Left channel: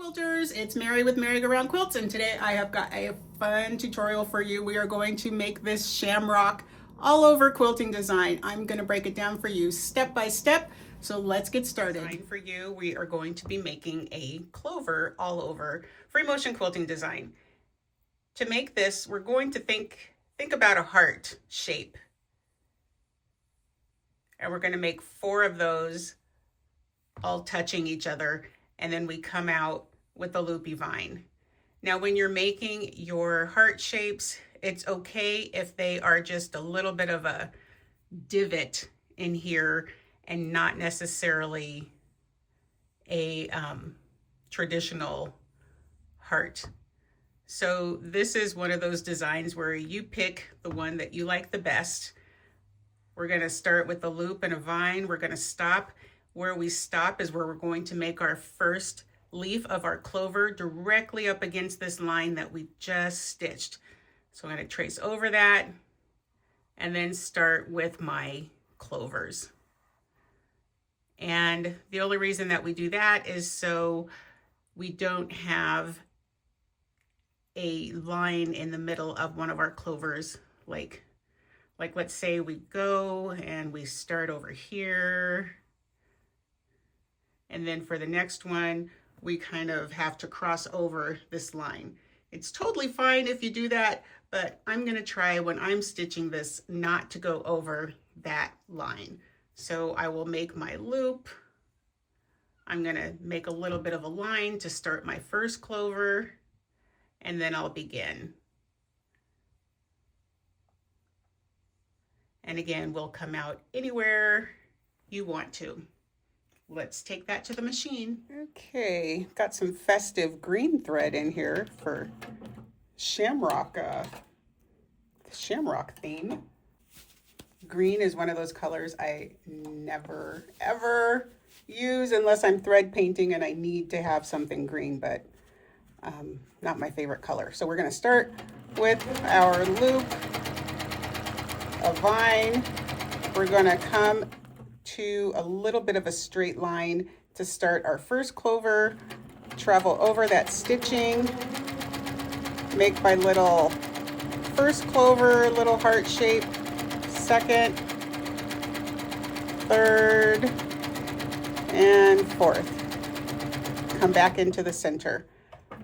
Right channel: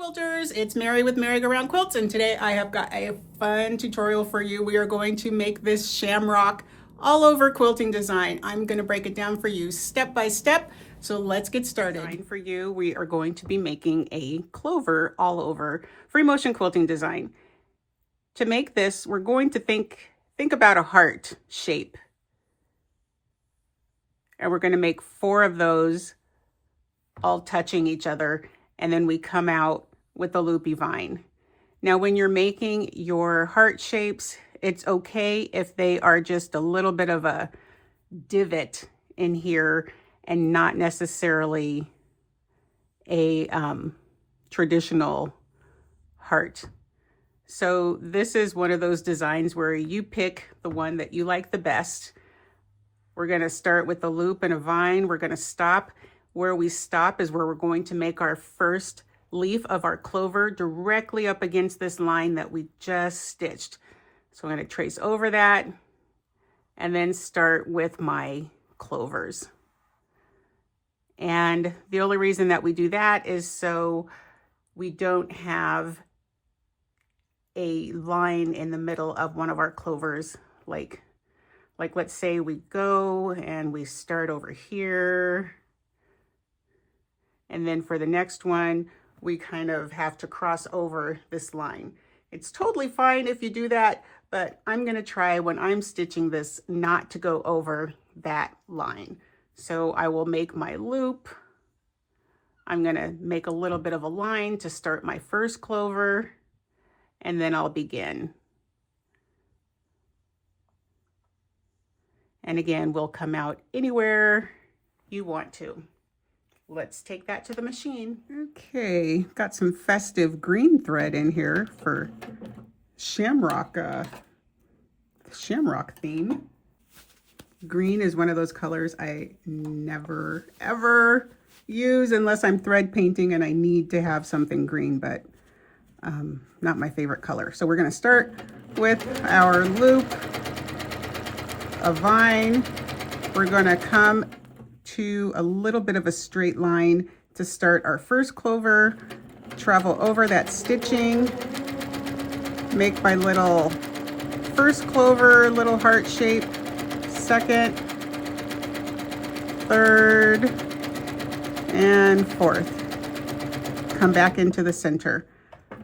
Quilters, it's Mary with Merry Go Round Quilts, and today I have got a fun tutorial for you. We are going to make this shamrock all over quilting design. I'm going to break it down for you step by step, so let's get started. For you, we are going to be making a clover all over free motion quilting design. To make this, we're going to think about a heart shape, and we're going to make 4 of those all touching each other, and then we come out with a loopy vine. Now, when you're making your heart shapes, it's okay if they are just a little bit of a divot in here and not necessarily a traditional heart. So this is one of those designs where you pick the one that you like the best. We're going to start with a loop and a vine. We're going to stop. Where we stop is where we're going to make our first leaf of our clover directly up against this line that we just stitched. So I'm going to trace over that and then start with my clovers. And the only reason that we do that is so we don't have a line in the middle of one of our clovers. Like let's say we go and we start over here. And then for the next one, we kind of have to cross over this line. It's totally fine if you do that, but I'm gonna try when I'm stitching this not to go over that line. So I will make my loop. I'm gonna make a little bit of a line to start my first clover, and then I'll begin. And again, we'll come out anywhere you want to. Let's take that to the machine. Okay, got some festive green thread in here for shamrock, shamrock theme. Green is one of those colors I never ever use unless I'm thread painting and I need to have something green, but not my favorite color. So we're gonna start with our loop, a vine. We're gonna come to a little bit of a straight line to start our first clover, travel over that stitching, make my little first clover, little heart shape, second, third, and fourth. Come back into the center.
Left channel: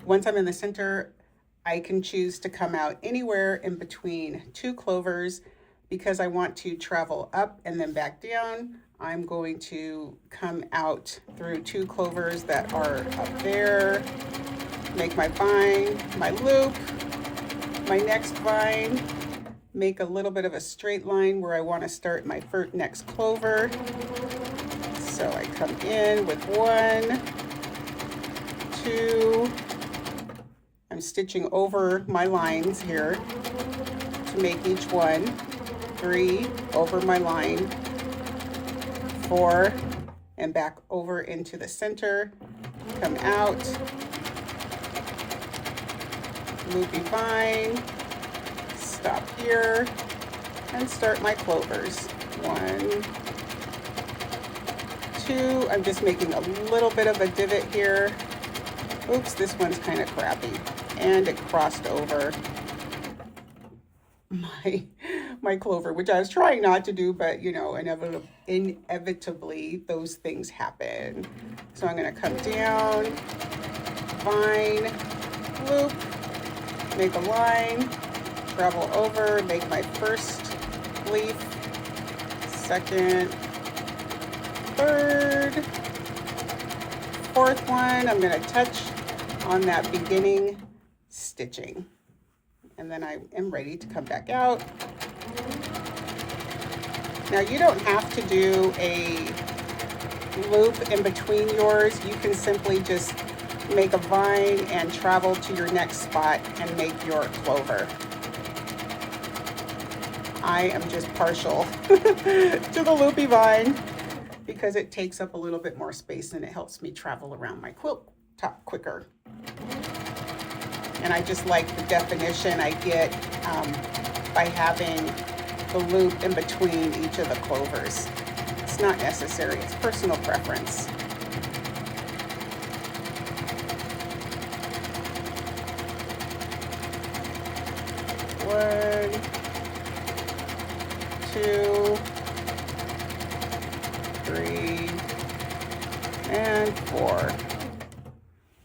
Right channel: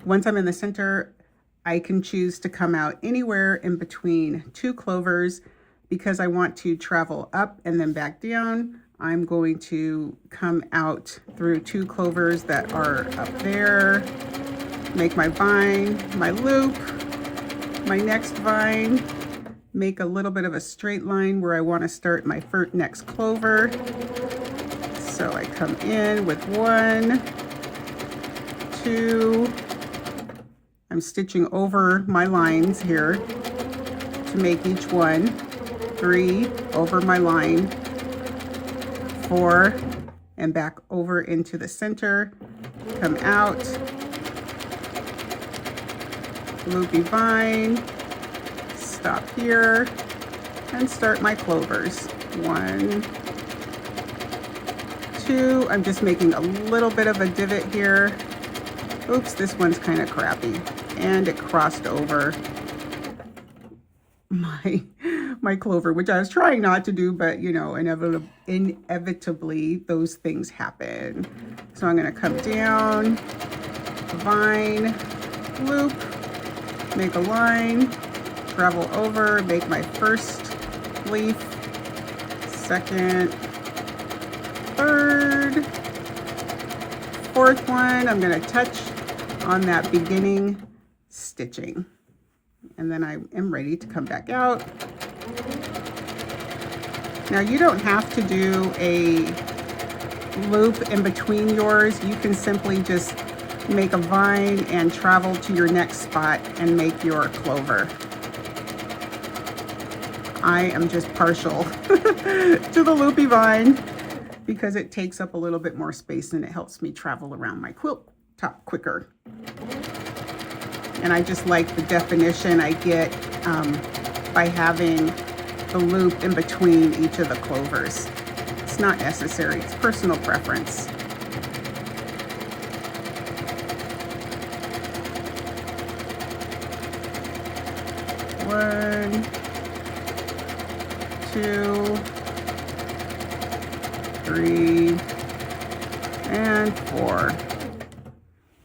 Once I'm in the center, I can choose to come out anywhere in between 2 clovers. Because I want to travel up and then back down, I'm going to come out through 2 clovers that are up there, make my vine, my loop, my next vine, make a little bit of a straight line where I want to start my next clover. So I come in with 1, 2, I'm stitching over my lines here to make each one. 3 over my line, 4, and back over into the center, come out, loopy vine, stop here, and start my clovers. 1, 2, I'm just making a little bit of a divot here. Oops, this one's kind of crappy, and it crossed over my clover, which I was trying not to do, but you know, inevitably those things happen. So I'm going to come down, vine, loop, make a line, travel over, make my first leaf, second, third, fourth one. I'm going to touch on that beginning stitching. And then I am ready to come back out. Now you don't have to do a loop in between yours. You can simply just make a vine and travel to your next spot and make your clover. I am just partial to the loopy vine because it takes up a little bit more space and it helps me travel around my quilt top quicker. And I just like the definition I get by having the loop in between each of the clovers. It's not necessary, it's personal preference. 1, 2, 3, and 4.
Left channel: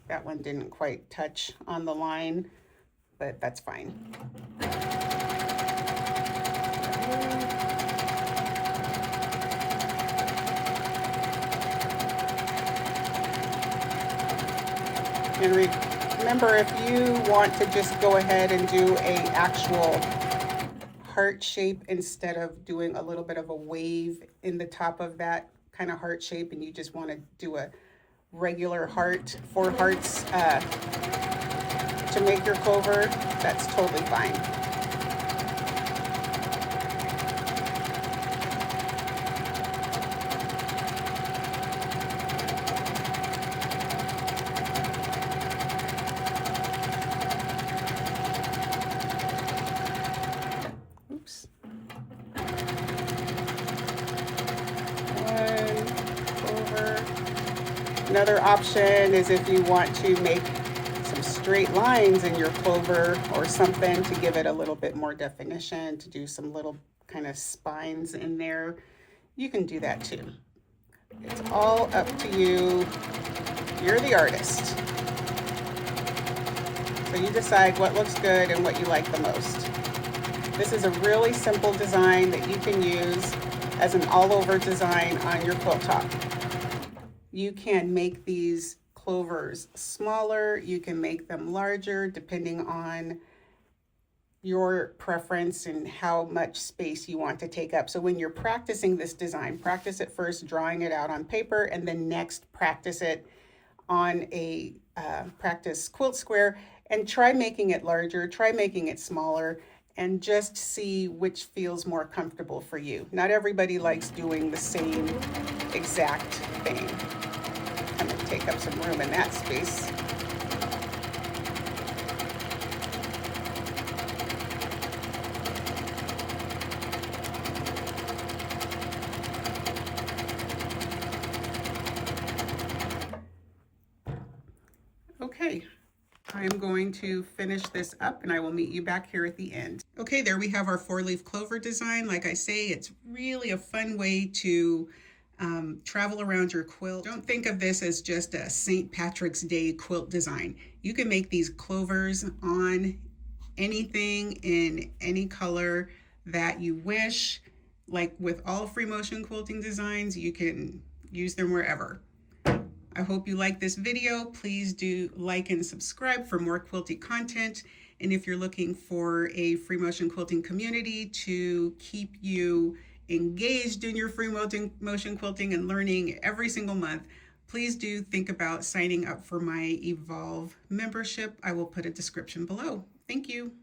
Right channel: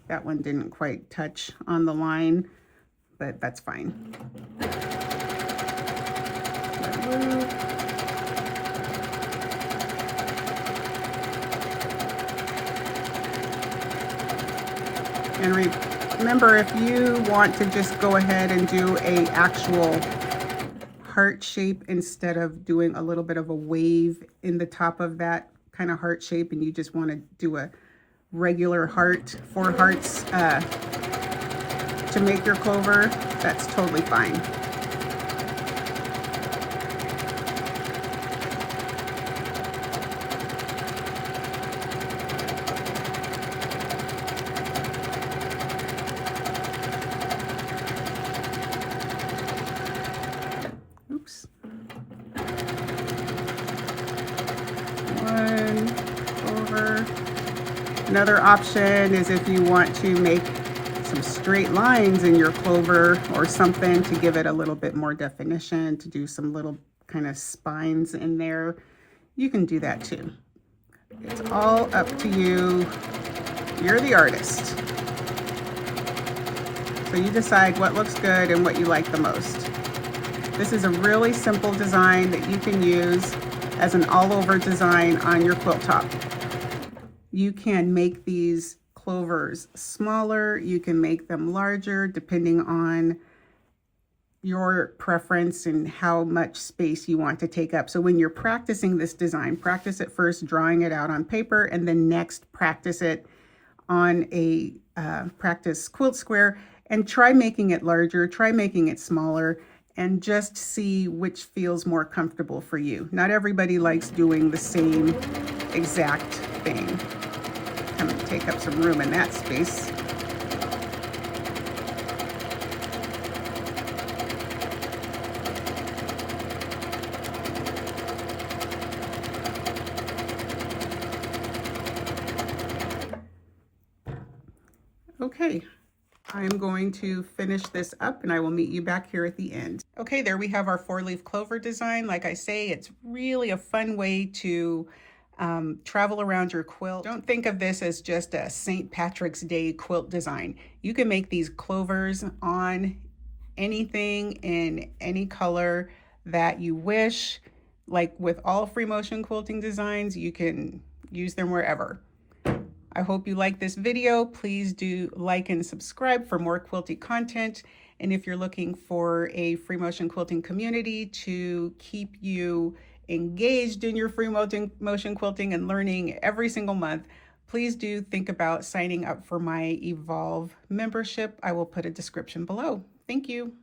That one didn't quite touch on the line, but that's fine. And remember, if you want to just go ahead and do an actual heart shape instead of doing a little bit of a wave in the top of that kind of heart shape, and you just want to do a regular heart, 4 hearts to make your clover, that's totally fine. Oops. 1 over. Another option is if you want to make some straight lines in your clover or something to give it a little bit more definition, to do some little kind of spines in there, you can do that too. It's all up to you. You're the artist. So you decide what looks good and what you like the most. This is a really simple design that you can use as an all-over design on your quilt top. You can make these clovers smaller, you can make them larger depending on your preference and how much space you want to take up. So when you're practicing this design, practice it first drawing it out on paper, and then next practice it on a practice quilt square, and try making it larger, try making it smaller, and just see which feels more comfortable for you. Not everybody likes doing the same exact thing. I'm going to take up some room in that space. Okay. I'm going to finish this up and I will meet you back here at the end. Okay, there we have our 4-leaf clover design. Like I say, it's really a fun way to travel around your quilt. Don't think of this as just a St. Patrick's Day quilt design. You can make these clovers on anything in any color that you wish. Like with all free motion quilting designs, you can use them wherever. I hope you like this video. Please do like and subscribe for more quilty content. And if you're looking for a free motion quilting community to keep you engaged in your free motion quilting and learning every single month, please do think about signing up for my Evolve membership. I will put a description below. Thank you.